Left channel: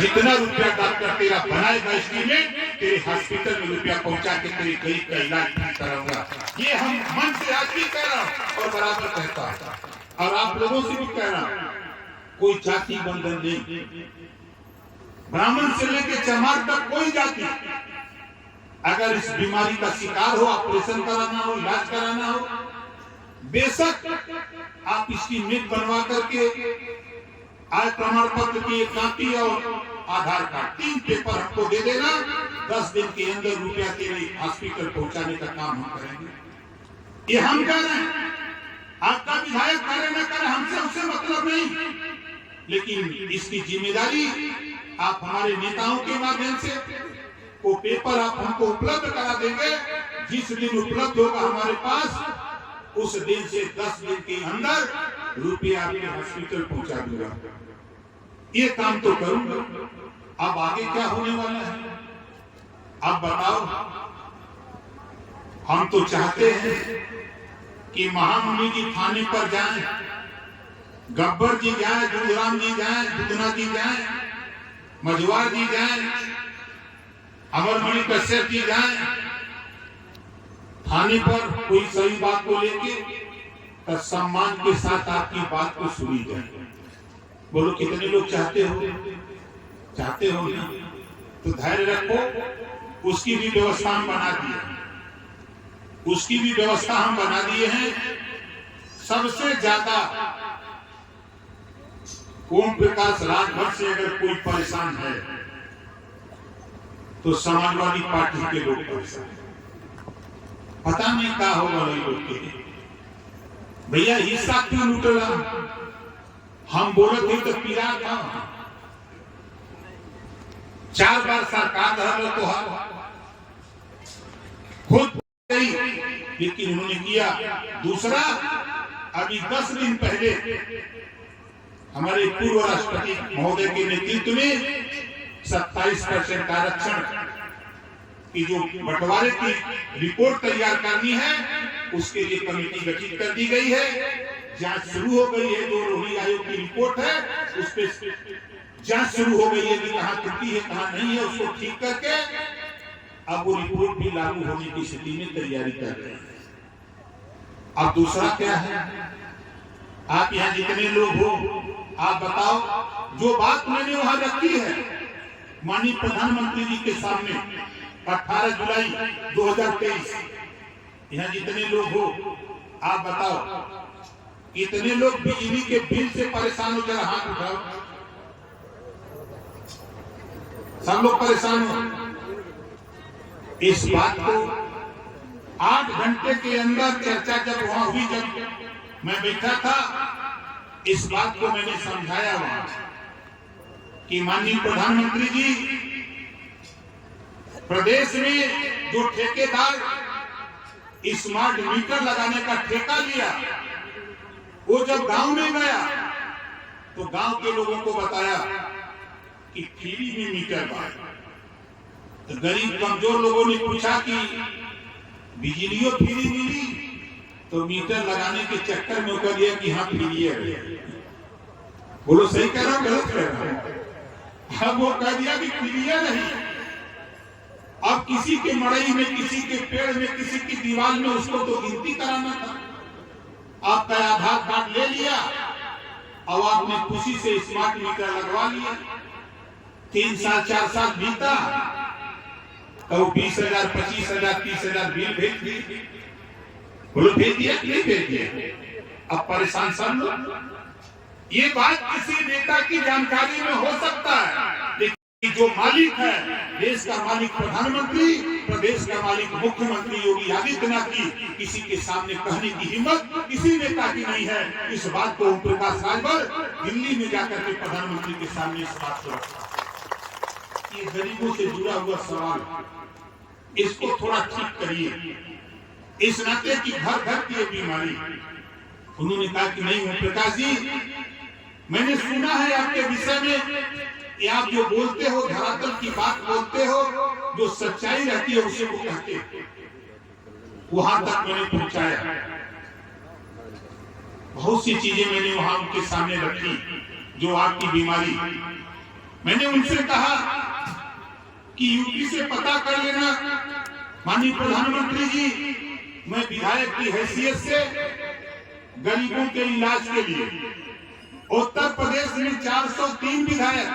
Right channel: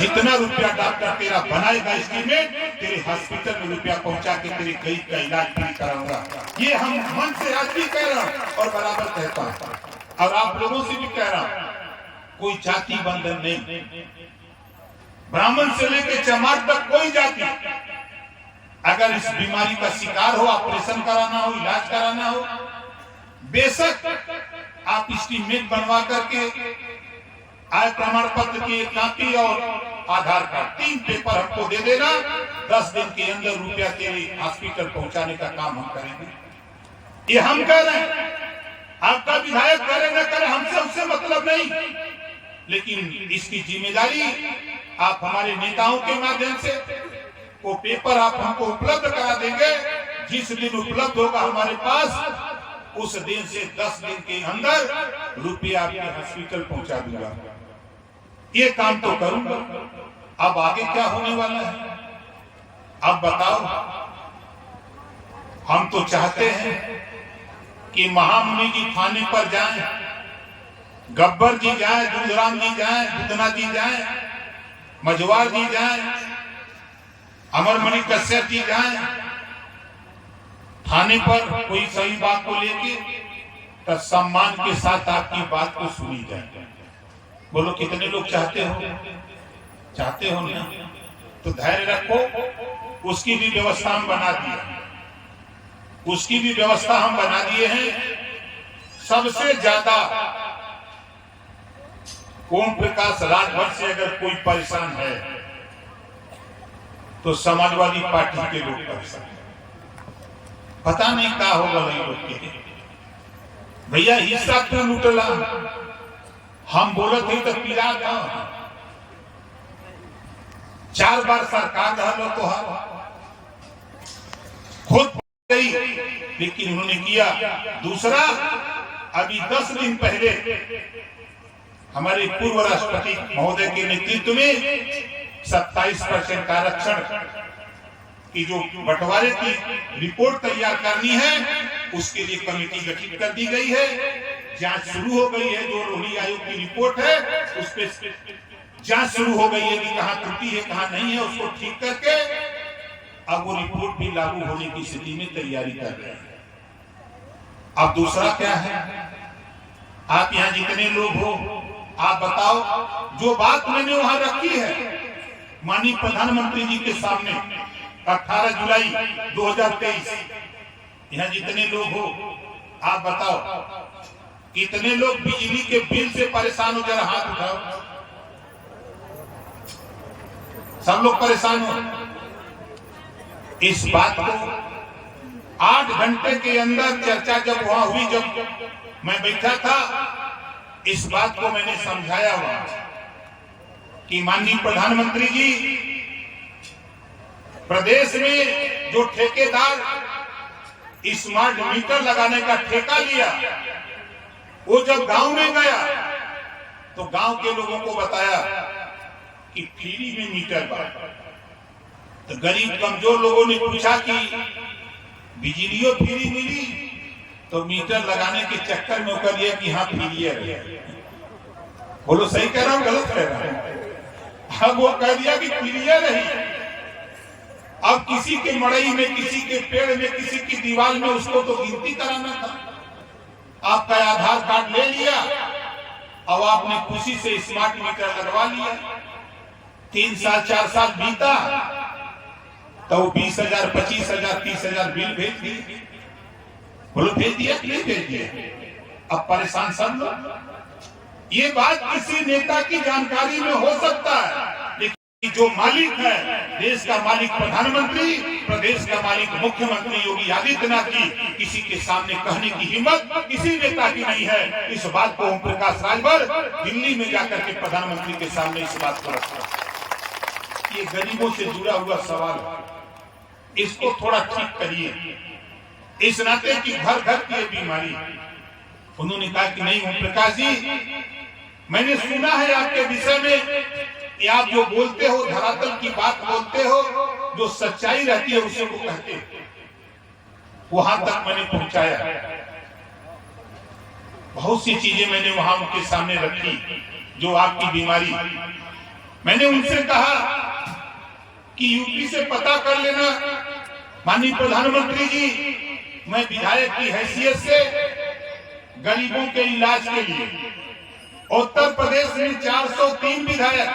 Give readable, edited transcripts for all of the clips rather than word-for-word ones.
जितना रुपया डॉक्टर तेरा बनाएगा एस्टीमेट, तेरे हॉस्पिटल में रुपया पहुंचा के तेरे गरीब का इलाज फ्री कराऊंगा। ये हम मन से आज भी कह रहा हूँ और बराबर कहता हूँ, और आप लोगों से भी कह रहा हूँ, कोई जाति बंधन नहीं, ब्राह्मण से लेकर चमार तक कोई जाति, अगर इस बीमारी का शिकार हो, ऑपरेशन कराना हो, इलाज कराना हो, बेशक आप एस्टीमेट बनवा करके आय प्रमाण पत्र की एक कॉपी और आधार कार्ड 3 पेपर हमको दे देना, 10 दिन के अंदर रुपया तेरे हॉस्पिटल पहुंचाने का काम हम करेंगे। ये हम कह रहे हैं, आपका विधायक करे न करे हमसे उससे मतलब नहीं, लेकिन इसकी जिम्मेदारी आप हमारे नेताओं के माध्यम से वो पेपर आप हमको उपलब्ध करा देंगे। जिस दिन उपलब्ध होगा हमारे पास, उस दिन से 10 दिन के अंदर रुपया आपके हॉस्पिटल पहुंचा दूंगा। ये काम तो करूंगा। अब आगे क्या होने वाला है अब बताओ। हम तो चाहते हैं कि महामुनि जी थाने पर जाएं, गब्बर जी जाएं, दूधराम जी जाएं, बुधना जी जाएं, मझवार जी जाएं, अमरमणि कश्यप जी जाएं थाने पर, कोई सही बात को लेके तो सम्मान के साथ आपकी बात को सुनी जाए। बोलो कितने लोग चाहते हो? चाहते हो ना? तो धैर्य रखो। उसकी भी व्यवस्था हम बना दी है, उसकी भी व्यवस्था हम बना दिए हैं। सबसे ज्यादा ओम प्रकाश राजभर से अगर कोई परेशान है तो समाजवादी पार्टी के लोग परेशान हैं। पता नहीं क्या होगा वही लोग के। भैया हिस्सा क्यों लूटला? हम बोलत थे तो पीरा था, 4 बार सरकार रहलो तो खुद गई, लेकिन उन्होंने किया। दूसरा, अभी 10 दिन पहले हमारे पूर्व राष्ट्रपति महोदय के नेतृत्व में 27% आरक्षण की जो बंटवारे की रिपोर्ट तैयार करनी है, उसके लिए कमेटी गठित कर दी गई है। जांच शुरू हो गई है। जो रोहिणी आयोग की रिपोर्ट है उस पर जांच शुरू हो गई है कि कहां त्रुटि है कहां नहीं है, उसको ठीक करके अब वो रिपोर्ट भी लागू होने की स्थिति में तैयारी कर रहे हैं। अब दूसरा क्या है, आप यहाँ जितने लोग हो आप बताओ, जो बात मैंने वहां रखी है माननीय प्रधानमंत्री जी के सामने 18 जुलाई 2023, यहाँ जितने लोग हो आप बताओ, कितने लोग बिजली के बिल से परेशान हो? जरा हाथ उठाओ। सब लोग परेशान हो। इस बात को 8 घंटे के अंदर चर्चा जब वहां हुई, जब मैं बैठा था, इस बात को मैंने समझाया वहां कि माननीय प्रधानमंत्री जी, प्रदेश में जो ठेकेदार स्मार्ट मीटर लगाने का ठेका लिया, वो जब गांव में गया तो गांव के लोगों को बताया कि फ्री में मीटर बा। तो गरीब कमजोर लोगों ने पूछा कि बिजलियों फ्री मिली? तो मीटर लगाने के चक्कर में कर दिया कि हाँ फ्री है। बोलो सही कह रहा हूं गलत कह रहा हूं? अब वो कह दिया कि फ्री नहीं। अब किसी के मड़ई में, किसी के पेड़ में, किसी की दीवार में उसको तो गिनती कराना था। आपका आधार कार्ड ले लिया और आपने खुशी से स्मार्ट मीटर लगवा लिया। 3 साल 4 साल बीता तो 20,000, 25,000, 30,000 बिल भेज दिए। बोलो भेज दिया कि नहीं भेज दिया? अब परेशान सब लोग। ये बात किसी नेता की जानकारी में हो सकता है, लेकिन जो मालिक है, देश का मालिक प्रधानमंत्री, प्रदेश का मालिक मुख्यमंत्री योगी आदित्यनाथ जी, किसी के सामने कहने की हिम्मत किसी नेता की नहीं है। इस बात को ओम प्रकाश राजभर दिल्ली में जाकर के प्रधानमंत्री के सामने इस बात को रखा। ये गरीबों से जुड़ा हुआ सवाल, इसको थोड़ा ठीक करिए। इस नाते की घर घर की बीमारी। उन्होंने कहा कि नहीं ओम प्रकाश जी, मैंने सुना है आपके विषय में, ये आप जो बोलते हो, धरातल की बात बोलते हो, जो सच्चाई रहती है उसे को कहते हो। वहां तक मैंने पहुंचाया। बहुत सी चीजें मैंने वहां उनके सामने रखी जो आपकी बीमारी मैंने उनसे कहा कि यूपी से पता कर लेना माननीय प्रधानमंत्री जी, मैं विधायक की हैसियत से गरीबों के इलाज के लिए उत्तर प्रदेश में 403 विधायक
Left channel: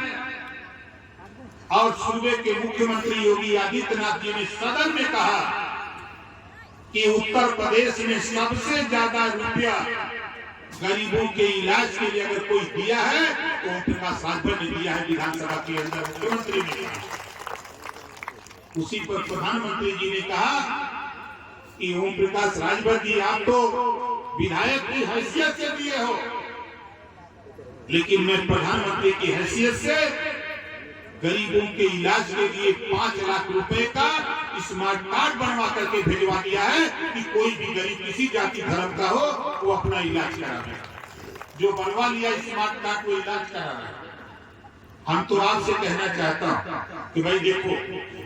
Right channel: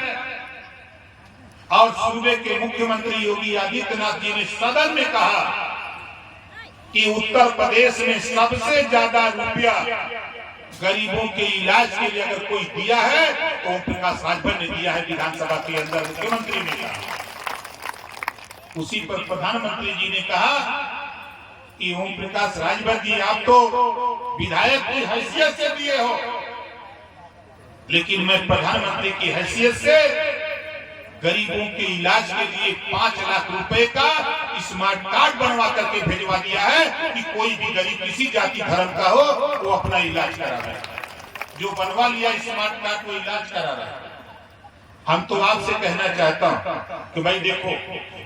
और सूबे के मुख्यमंत्री योगी आदित्यनाथ जी ने सदन में कहा कि उत्तर प्रदेश में सबसे ज्यादा रुपया गरीबों के इलाज के लिए अगर कोई दिया है तो ओम प्रकाश राजभर ने दिया है। विधानसभा के अंदर मुख्यमंत्री ने कहा। उसी पर प्रधानमंत्री जी ने कहा कि ओम प्रकाश राजभर जी, आप तो विधायक की हैसियत से दिए हो, लेकिन मैं प्रधानमंत्री की हैसियत से गरीबों के इलाज के लिए 5 लाख रुपए का स्मार्ट कार्ड बनवा करके भेजवा दिया है कि कोई भी गरीब किसी जाति धर्म का हो वो अपना इलाज करा रहा है। जो बनवा लिया स्मार्ट कार्ड वो इलाज करा रहा है। हम तो आपसे कहना चाहता हूं कि भाई देखो,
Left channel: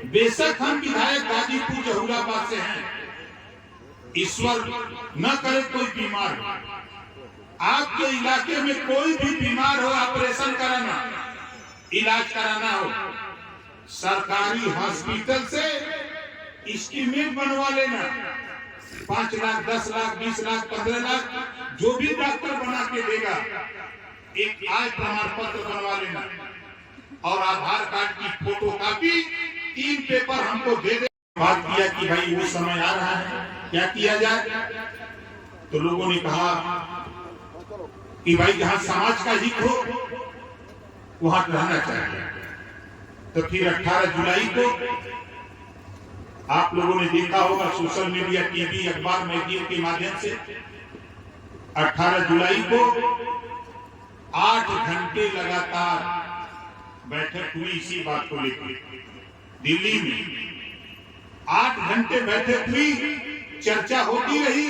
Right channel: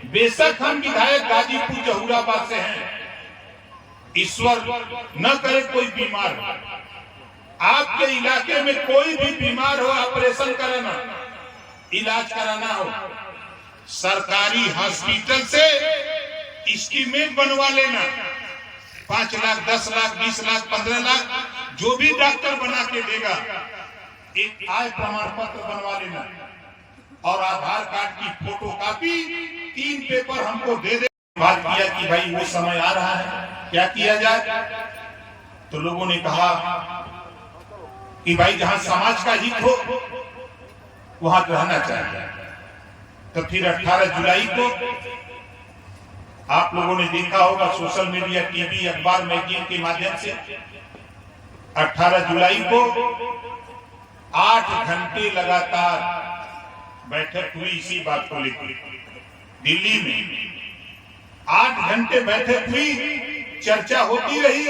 बेशक हम विधायक गाजीपुर जहूराबाद से हैं, ईश्वर न करे कोई बीमार हो, आपके इलाके में कोई भी बीमार हो, ऑपरेशन कराना, इलाज कराना हो, सरकारी हॉस्पिटल से एस्टीमेट बनवा लेना। 5 लाख, 10 लाख, 20 लाख, 15 लाख, जो भी डॉक्टर बना के देगा, एक आय प्रमाण पत्र बनवा लेना और आधार कार्ड की फोटो कॉपी 3 पेपर हमको दे दे। बात किया कि भाई वो समय आ रहा है, क्या किया जाए? तो लोगों ने कहा कि भाई जहां समाज का हित हो वहां रहना चाहिए। तो फिर 18 जुलाई को आप लोगों ने देखा होगा सोशल मीडिया, टीवी, अखबार, मैगजीन के माध्यम से 18 जुलाई को 8 घंटे लगातार बैठक हुई इसी बात को लेकर दिल्ली में। 8 घंटे बैठक हुई, चर्चा होती रही।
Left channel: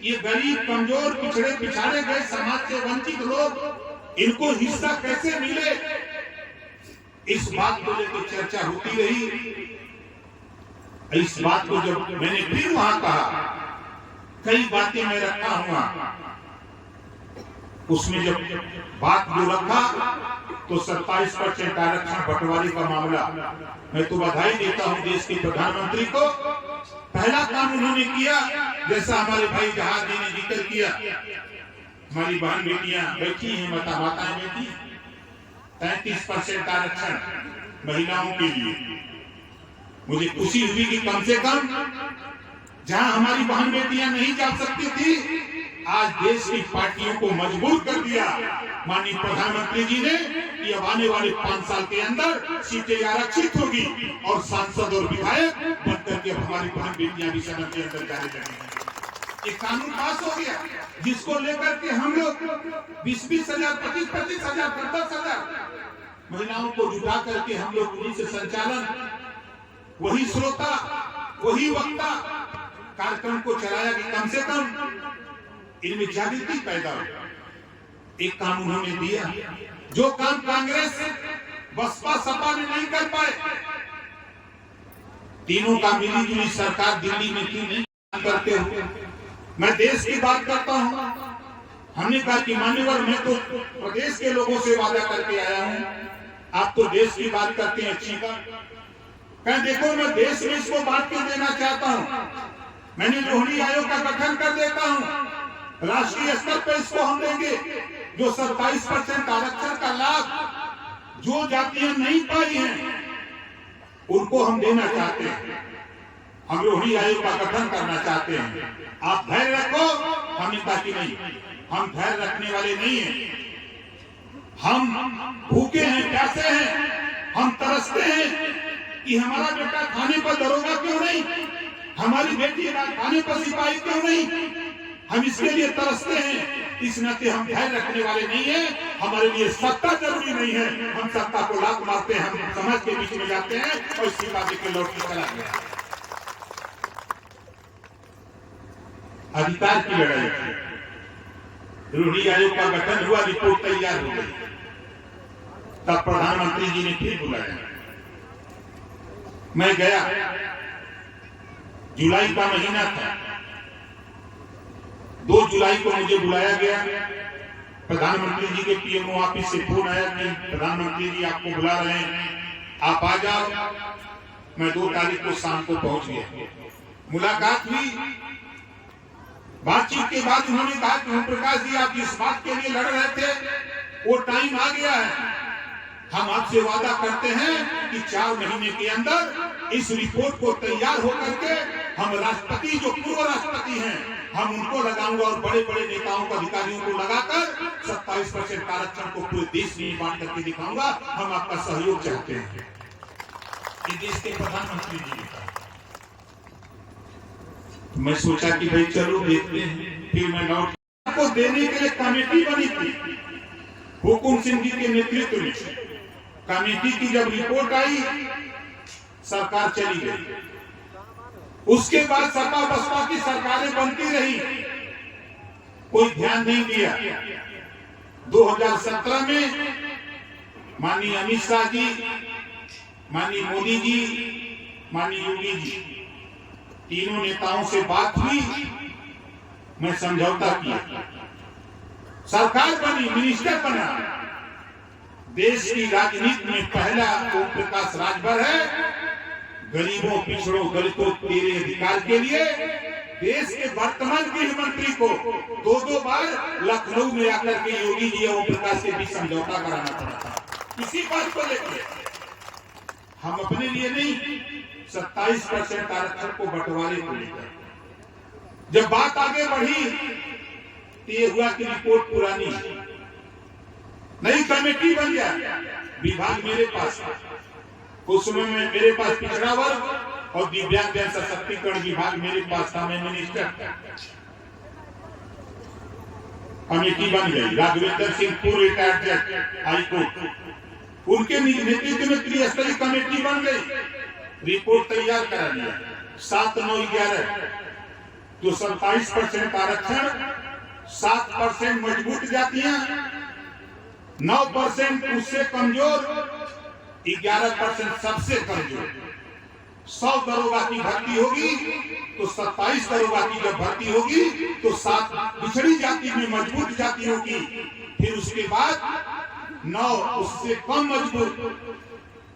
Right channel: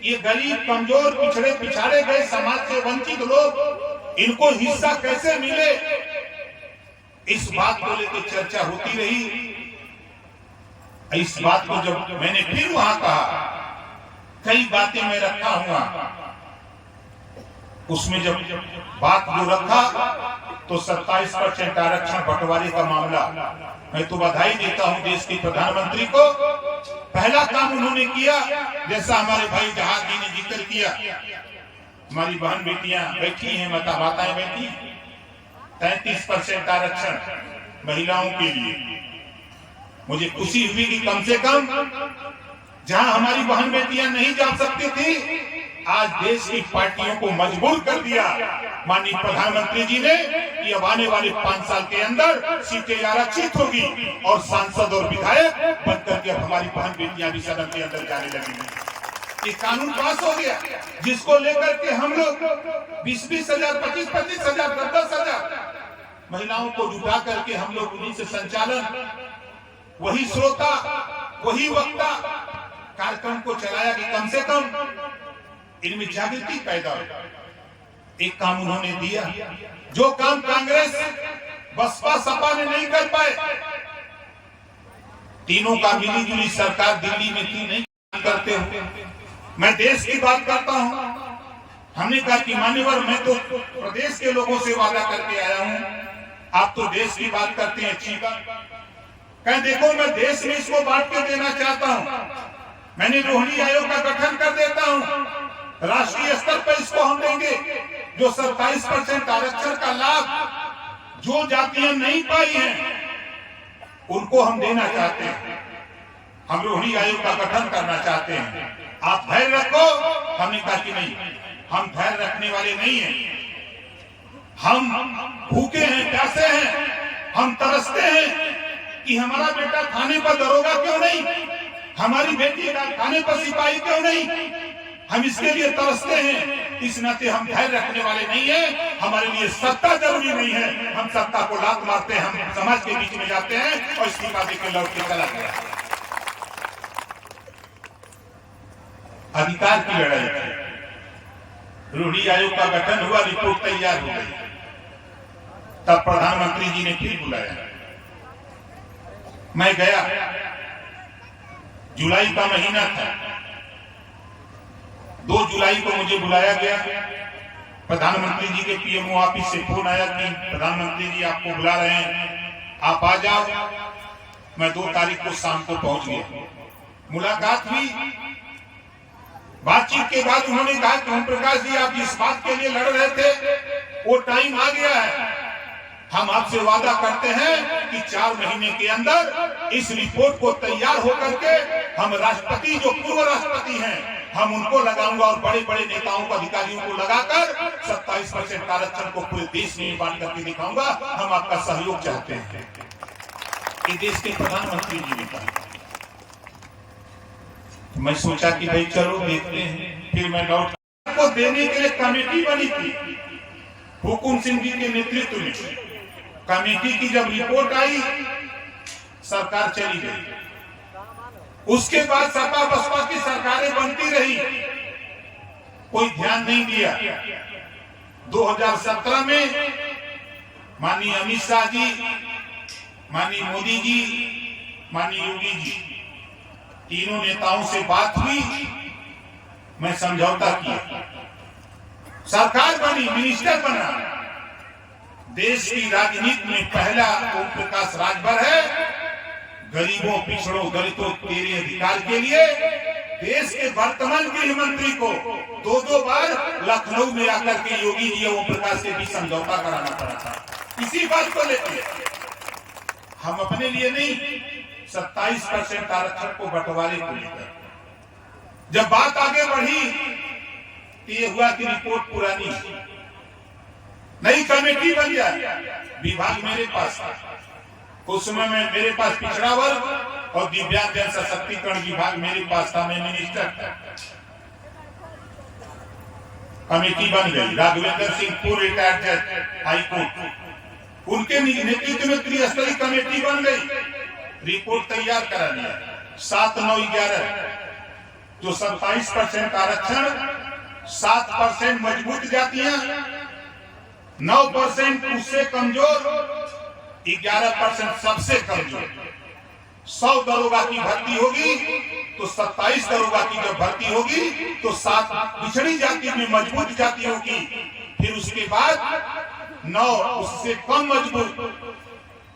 ये गरीब, कमजोर, पिछड़े पिछाड़े गए समाज से वंचित लोग, इनको हिस्सा कैसे मिले, इस बात को लेकर चर्चा होती रही। इस बात को जब मैंने फिर वहां कहा, कई बातें मैं रखा हुआ, उसमें जब बात जो रखा तो 27% आरक्षण बंटवारे का मामला, मैं तो बधाई देता हूं देश के प्रधानमंत्री को। पहला काम उन्होंने किया, जैसा हमारे भाई जहाज जी ने जिक्र किया, हमारी बहन बेटियां बैठी हैं, माताएं बैठी, 33% आरक्षण महिलाओं के लिए। मुझे खुशी हुई कि कम से कम जहां हमारी बहन बेटियां नहीं जा सकती थी, आज देश की पार्टियों को मजबूर कर दिया माननीय प्रधानमंत्री जी ने कि अब आने वाले 5 साल के अंदर सीटें आरक्षित होगी और सांसद और विधायक बनकर के अब हमारी बहन बेटियां भी सदन के अंदर जाने लगेंगी। ये कानून पास हो गया, जिसको लेकर के हम लोग 20-20 हजार, 25-25 हजार, 10-10 हजार महिलाओं को जुटा करके हम लोग उन्हीं से संचालन, वही श्रोता, वही वक्ता कार्यक्रम को चलाया कि कम से कम इनमें जागृति पैदा हो। एक काम उन्होंने दिया, जो काम कांग्रेस, बसपा, सपा में नहीं कर पाए, तीनों का मिली जुली सरकार दिल्ली में थी, नहीं करते हो। मैं देश की बात करता हूं। हमने कहा कि मान्यवर, मैं तो प्रदेश के लोगों से वादा करके आया हूं, आप तो देश की बात करते हैं, अच्छी बात। कहें देखो, मैं देश में इसको बांट के देना चाहता हूं, मैंने रोहिणी आयोग का गठन कर देता हूं, राष्ट्रीय स्तर पर इसको हम देंगे। जो 27% आरक्षण का लाभ जो जातियां नहीं पाई हैं, उनको हम देना चाहते हैं। हम रोहिणी आयोग का गठन करना चाहते हैं, आप धैर्य रखो। हमने कहा कि नहीं, हम धैर्य रखने वाले नहीं हैं, हम भूखे हैं, प्यासे हैं, हम तरसते हैं कि हमारा बेटा थाने पर दरोगा क्यों नहीं, हमारी बेटी थाने पर सिपाही क्यों नहीं, हम इसके लिए तरसते हैं। इस नाते हम धैर्य रखने वाले नहीं हैं। हमारे लिए सत्ता जरूरी नहीं है, हम सत्ता को लात मारते हैं, हम समाज के बीच में जाते हैं और इस्तीफा देकर लौट के चला गया। अधिकार की लड़ाई थी, रोहिणी आयोग का गठन हुआ, रिपोर्ट तैयार हो गई, तब प्रधानमंत्री जी ने फिर बुलाया। मैं गया, जुलाई का महीना था, 2 जुलाई को मुझे बुलाया गया। प्रधानमंत्री जी के पीएमओ ऑफिस से फोन आया कि प्रधानमंत्री जी आपको बुला रहे हैं, आप आ जाओ। मैं 2 तारीख को शाम को पहुंच गया। मुलाकात हुई। बातचीत के बाद उन्होंने कहा कि ओम प्रकाश जी, आप जिस बात के लिए लड़ रहे थे वो टाइम आ गया है। हम आपसे वादा करते हैं कि 4 महीने के अंदर इस रिपोर्ट को तैयार होकर के हम राष्ट्रपति, जो पूर्व राष्ट्रपति हैं, हम उनको लगाऊंगा और बड़े बड़े नेताओं को, अधिकारियों को लगाकर 27% आरक्षण को पूरे देश में बांट करके दिखाऊंगा। हम आपका सहयोग चाहते हैं। ये देश के प्रधानमंत्री जी ने कहा। मैं सोचा कि भाई चलो देखते हैं। फिर मैं लौट को देने के लिए कमेटी बनी थी हुकुम सिंह जी के नेतृत्व में। कमेटी की जब रिपोर्ट आई, सरकार चली गई। उसके बाद सपा बसपा की सरकारें बनती रही, कोई ध्यान नहीं दिया। 2017 में माननीय अमित शाह जी, माननीय मोदी जी, माननीय योगी जी, तीनों नेताओं से बात हुई। मैं समझौता किया, सरकार बनी, मिनिस्टर बना। देश की राजनीति में पहला ओम प्रकाश राजभर है। गरीबों, पिछड़ों, दलितों, तेरे अधिकार के लिए देश के वर्तमान गृह मंत्री को 2 बार लखनऊ में आकर के योगी जी और ओम प्रकाश के बीच समझौता कराना पड़ा था। इसी बात को लेकर हम अपने लिए नहीं, 27% आरक्षण को बंटवारे को लेकर जब बात आगे बढ़ी तो ये हुआ कि रिपोर्ट पुरानी, नई कमेटी बन जाए। विभाग मेरे पास था उस समय में, मेरे पास पिछड़ा वर्ग और दिव्यांग जन सशक्तिकरण विभाग मेरे पास था। मैं मिनिस्टर था। कमेटी बन गई। राघवेंद्र सिंह, पूर्व रिटायर्ड जज हाई कोर्ट, उनके नेतृत्व में त्रिस्तरीय कमेटी बन गई। रिपोर्ट तैयार करा लिया। 7, 9, 11 जो 27% आरक्षण, 7% मजबूत जातियां, 9% उससे कमजोर, 11% सबसे कमजोर। 100 दरोगा की भर्ती होगी तो 27 दरोगा की जब भर्ती होगी तो 7 पिछड़ी जाति में मजबूत जाति होगी। फिर उसके बाद 9 उससे कम मजबूत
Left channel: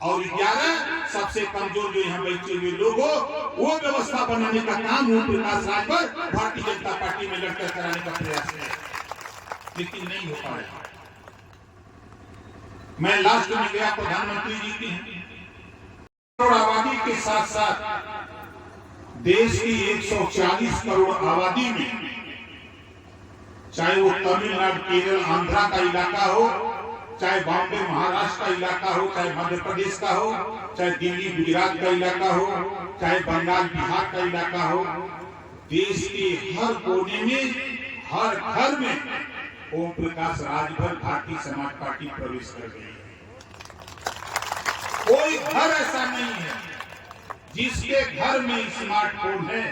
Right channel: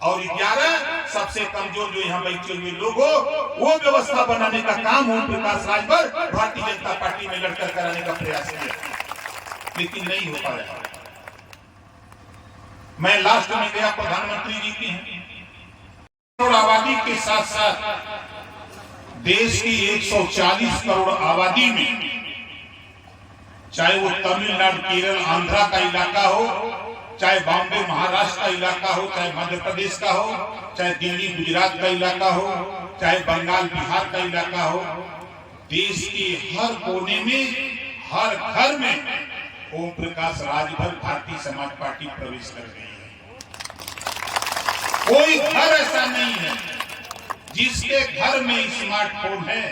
और 11 सबसे कमजोर जो यहाँ बैठे हुए लोग हो, वो व्यवस्था बनाने का काम ओम प्रकाश राजभर भारतीय जनता पार्टी में लड़कर कराने का प्रयास किया, लेकिन नहीं हो पाया। मैं लास्ट में गया प्रधानमंत्री जी की करोड़ आबादी के साथ साथ देश की 140 करोड़ आबादी में, चाहे वो तमिलनाडु, केरल, आंध्रा का इलाका हो, चाहे बॉम्बे, महाराष्ट्र का इलाका हो, चाहे मध्य प्रदेश का हो, चाहे दिल्ली, गुजरात का इलाका हो, चाहे बंगाल, बिहार का इलाका हो, देश के हर कोने में, हर घर में ओम प्रकाश राजभर भारतीय समाज पार्टी प्रवेश कर गई है। कोई घर ऐसा नहीं है जिसके घर में स्मार्टफोन है,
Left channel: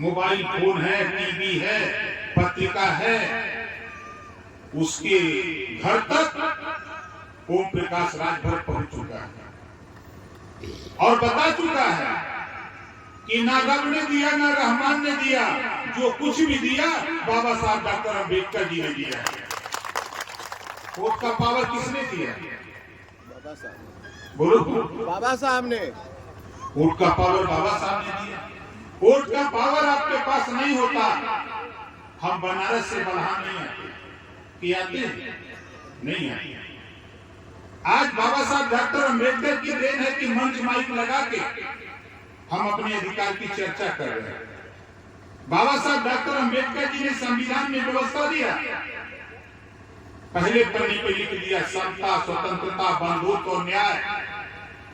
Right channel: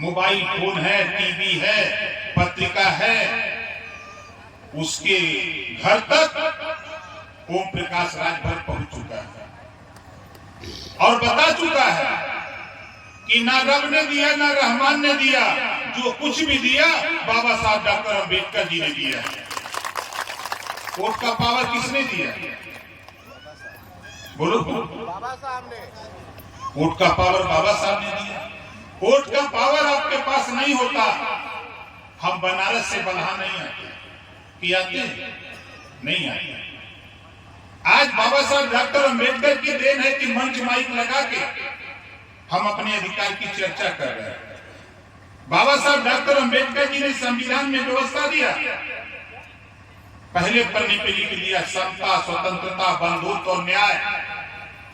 मोबाइल फोन है, टीवी है, पत्रिका है, उसके घर तक ओम प्रकाश राजभर पहुंच चुका है और बता चुका है कि ना रब ने दिया ना रहमान ने दिया, जो कुछ भी दिया बाबा साहब डॉक्टर अंबेडकर जी ने दिया। वोट का पावर किसने दिया? बोलो, बाबा साहब ने। वोट का पावर बाबा साहब ने दिया। वोट का पावर आपके पास नहीं होता, हम बनारस से बलहा नहीं आते कि आते नहीं आते। आज बाबा साहब डॉक्टर अंबेडकर की देन है कि मंच माइक लगा के हम अपने अधिकार की चर्चा कर रहे हैं। बाबा साहब डॉक्टर अंबेडकर जी ने संविधान में व्यवस्था दिया, पहले पन्ने पे लिख दिया, समता, स्वतंत्रता, बंधुत्व और न्याय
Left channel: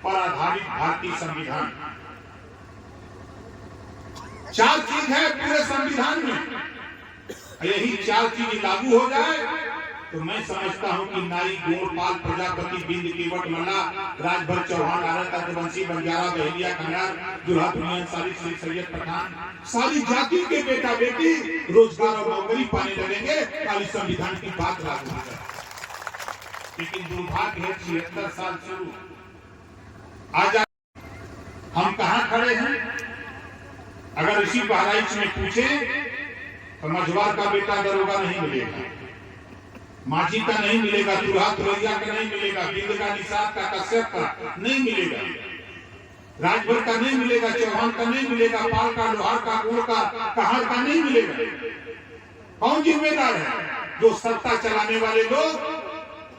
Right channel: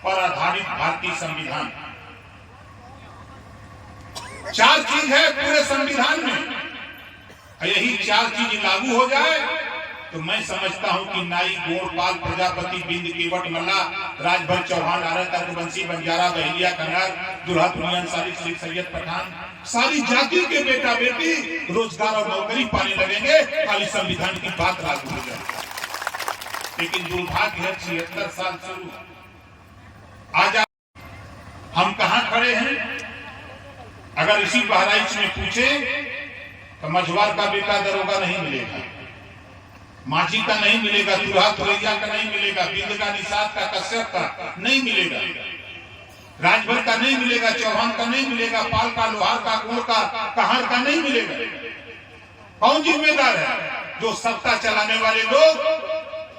पर आधारित भारतीय संविधान। 4 चीज है पूरे संविधान में, यही 4 चीज लागू हो जाए तो मैं समझता हूं कि नाई, गोड़, पाल, प्रजापति, बिंद, केवट, मल्ला, राजभर, चौहान, आर्य, तर्कवंशी, बंजारा, बहेलिया, कंगार, दुल्हा, दुनिया, सारी सिख, सैयद, पठान, सारी जाति के बेटा बेटी रोजगार और नौकरी पाने लगेंगे, खाली संविधान की बात लागू हो जाए। लेकिन दुर्भाग्य है 76 साल शुरू, आज हम कहां खड़े हैं? अगर इसी बहराइच में पूछे तो मझवार का बेटा दरोगा नहीं मिलेगा, माझी का नहीं मिलेगा, दूल्हा तुरैया का नहीं मिलेगा, बिंद का, निषाद का, कश्यप का नहीं मिलेगा, राजभर का नहीं मिलेगा, चौहान का नहीं मिलेगा, पाल का, लोहार का, गुण का, कहार का नहीं मिलेगा। कौन जिम्मेदार है? जो सत्ता चलाने वाले लोग।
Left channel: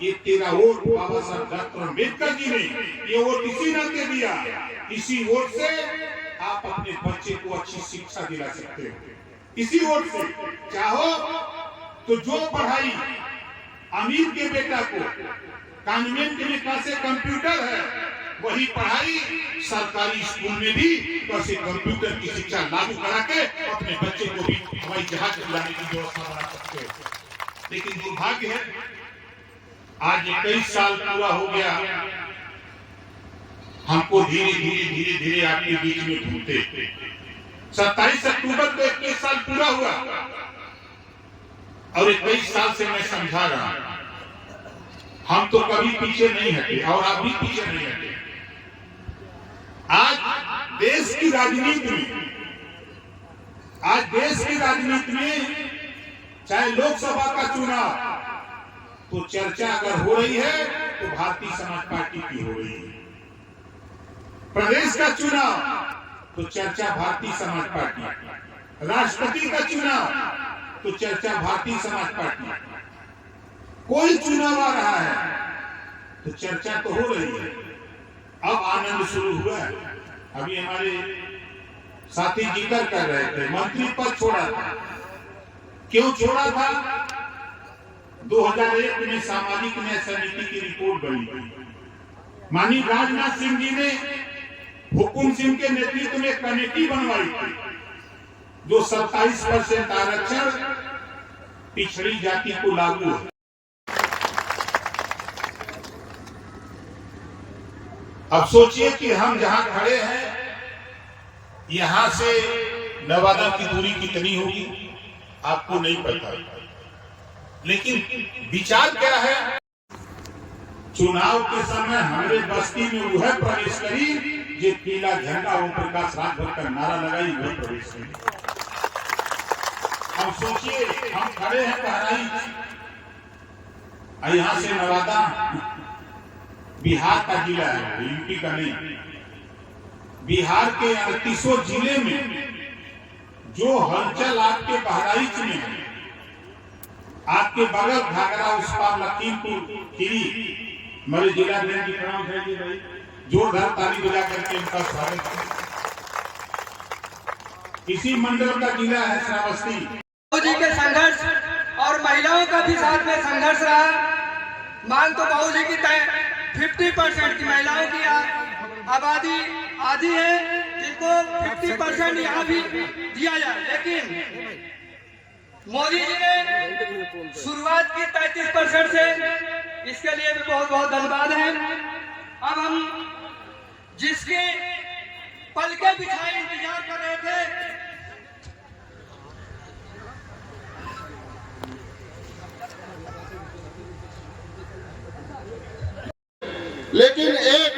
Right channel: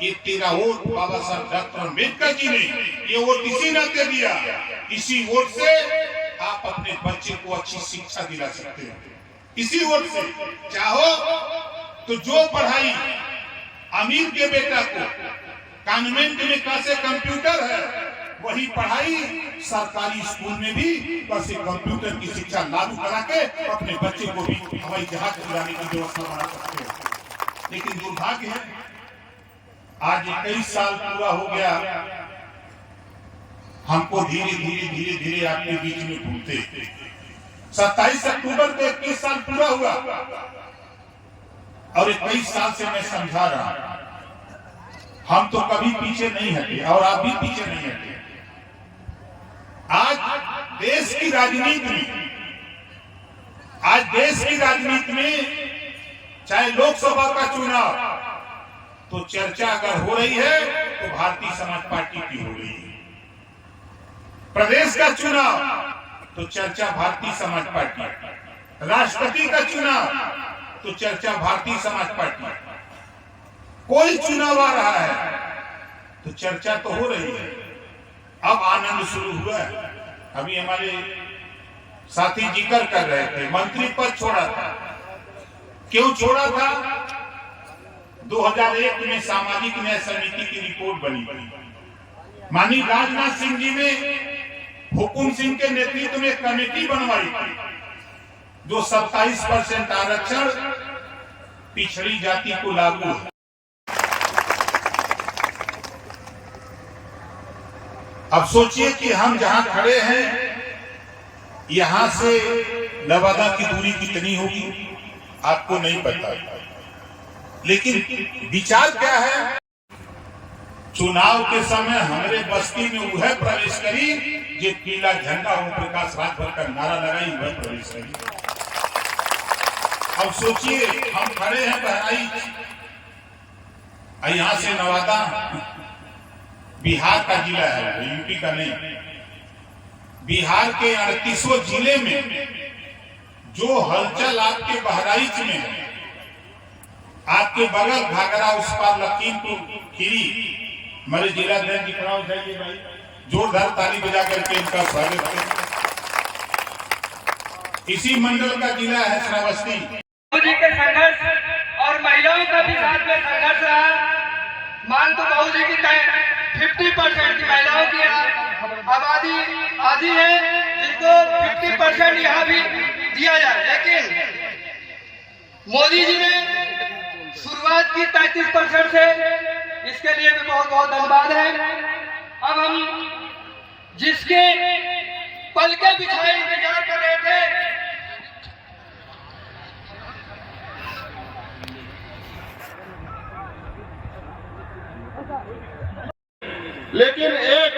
ये तेरा वोट बाबा साहब डॉक्टर अम्बेडकर जी ने ये वोट इसी नाते दिया। इसी वोट से आप अपने बच्चे को अच्छी शिक्षा दिला सकते हो। इसी वोट से चाहो तो जो पढ़ाई अमीर के बेटा को कॉन्वेंट में कैसे कंप्यूटर है, वही पढ़ाई सरकारी स्कूल में भी कैसे कंप्यूटर की शिक्षा लागू करा के अपने बच्चे को भी हवाई जहाज उड़ाने की व्यवस्था बना सकते हो। लेकिन दुर्भाग्य है, आज 21 साल पूरा हो गया, हमको धीरे धीरे धीरे धीरे आपके बीच में घूमते 27 अक्टूबर को 21 साल पूरा हुआ और 21 साल से मैं समझा रहा हूं, हम तो कभी पीछे नहीं हटे और आप भी पीछे नहीं हटे। आज देश की राजनीति में चाहे लोकसभा का चुनाव तो चर्चा अगर हो रही है तो भारतीय समाज पार्टी की हो रही है, प्रदेश का चुनाव तो चर्चा भारतीय समाज पार्टी, राष्ट्रपति का चुनाव तो चर्चा भारतीय समाज पार्टी, कोई चुनाव आ रहा है तो चर्चा तो हो रही है। अब आनंद शुरू हुआ है। अभी हमारे साथी जिक्र कर रहे थे, मंत्री पद छोड़ा था। क्यों छोड़ा था? 2001 में सामाजिक न्याय समिति की रिपोर्ट बनी। माननीय राजनाथ सिंह जी ने हुकुम सिंह के नेतृत्व में कमेटी बनवाई थी, जो 27% आरक्षण पिछड़ी जाति को लागू है। अब सोचिए कि हम जहां खड़े हैं, यहां से नवादा की दूरी कितनी होगी आपको नहीं पता, लेकिन विचार क्या है? चुनाव के समय हमारे बस्ती में वह प्रवेश करी जो पीला झंडा ओम प्रकाश राजभर का नारा लगाई, वह प्रवेश करी। अब सोचिए हम खड़े हैं बहराइच, यहां से नवादा बिहार का जिला है, यूपी का नहीं। बिहार के 38 जिले में जो हलचल आपके बहराइच में है, आपके बगल घाघरा, उस पार लखीमपुर खीरी, हमारे जिलाध्यक्ष जी खड़ा उठाइए भाई, जोरदार ताली बजा करके इनका स्वागत करें। इसी मंडल का जिला है श्रावस्ती। बाबूजी के संघर्ष और महिलाओं का भी साथ में संघर्ष रहा। मान तो बाबूजी की 50% की महिलाओं की आबादी आदि है, जिनको 50% यहाँ भी दिया जाए, लेकिन मोदी जी ने शुरुआत की 33% से, इसके लिए भी बहुत बहुत धन्यवाद है। अब हम जिसके पल के बिछाए इंतजार कर रहे थे, लेकिन एक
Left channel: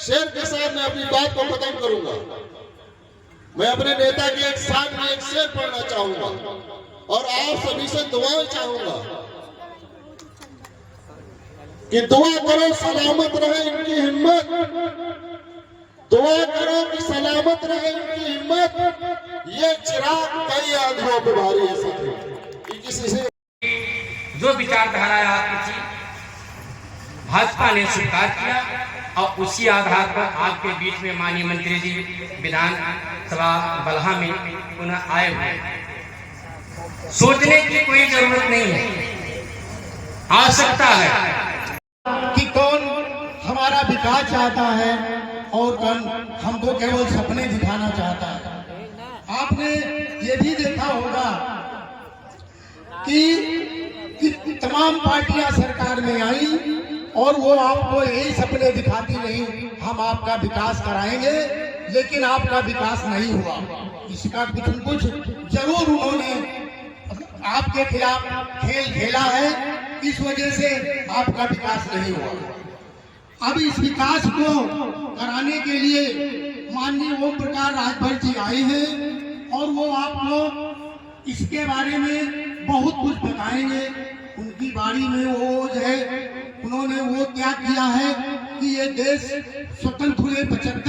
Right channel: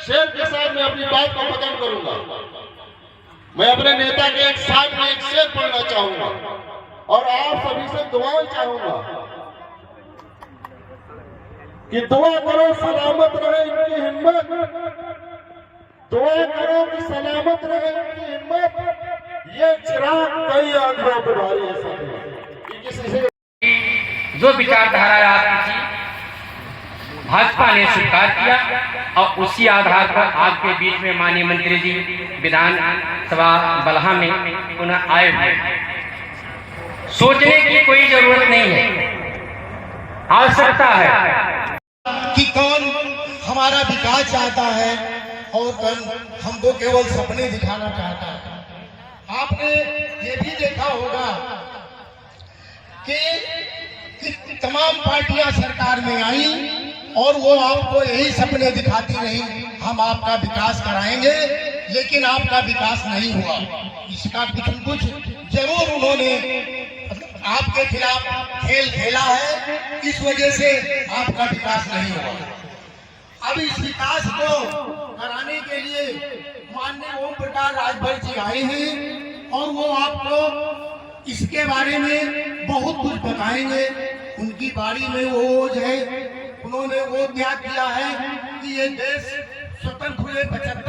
शेर के साथ मैं अपनी बात को खत्म करूंगा। मैं अपने नेता के एक सामने एक शेर पढ़ना चाहूंगा और आप सभी से दुआएं चाहूंगा कि दुआ करो सलामत रहे इनकी हिम्मत, दुआ करो कि सलामत रहे इनकी हिम्मत। ये चिराग कई आंखों पे भारी ऐसे थे कि किसी से जो विचारधारा आपकी थी भाजपा ने स्वीकार किया और उसी आधार पर आपके बीच में माननीय मंत्री जी विधान सभा बलहा में पुनः आए हुए। सोचने की कोई जरूरत नहीं है, आवश्यकता है कि कौन हमारा विकास चाहता है और कौन हमको केवल सपने दिखाना चाहता है। आपने ये भी देखा होगा कि तमाम पार्टियां सरकार में आई और वो आपको यही सपने दिखाती रही, हम आपका विकास कराएंगे, लेकिन आपका विकास नहीं हुआ। इसका कुछ न कुछ जरूर उन्होंने आपके खिलाफ खेल खेला है, इस वजह से आपका विकास नहीं हुआ। अब इस विकास को कराने के लिए माननीय ओम प्रकाश राजभर जी आए हैं और वो आपको इसके बारे में बहुत कुछ बताएंगे उनकी बारी में वो जो है उन्होंने वो क्या किया है कि ये देश स्वतंत्र हुए 75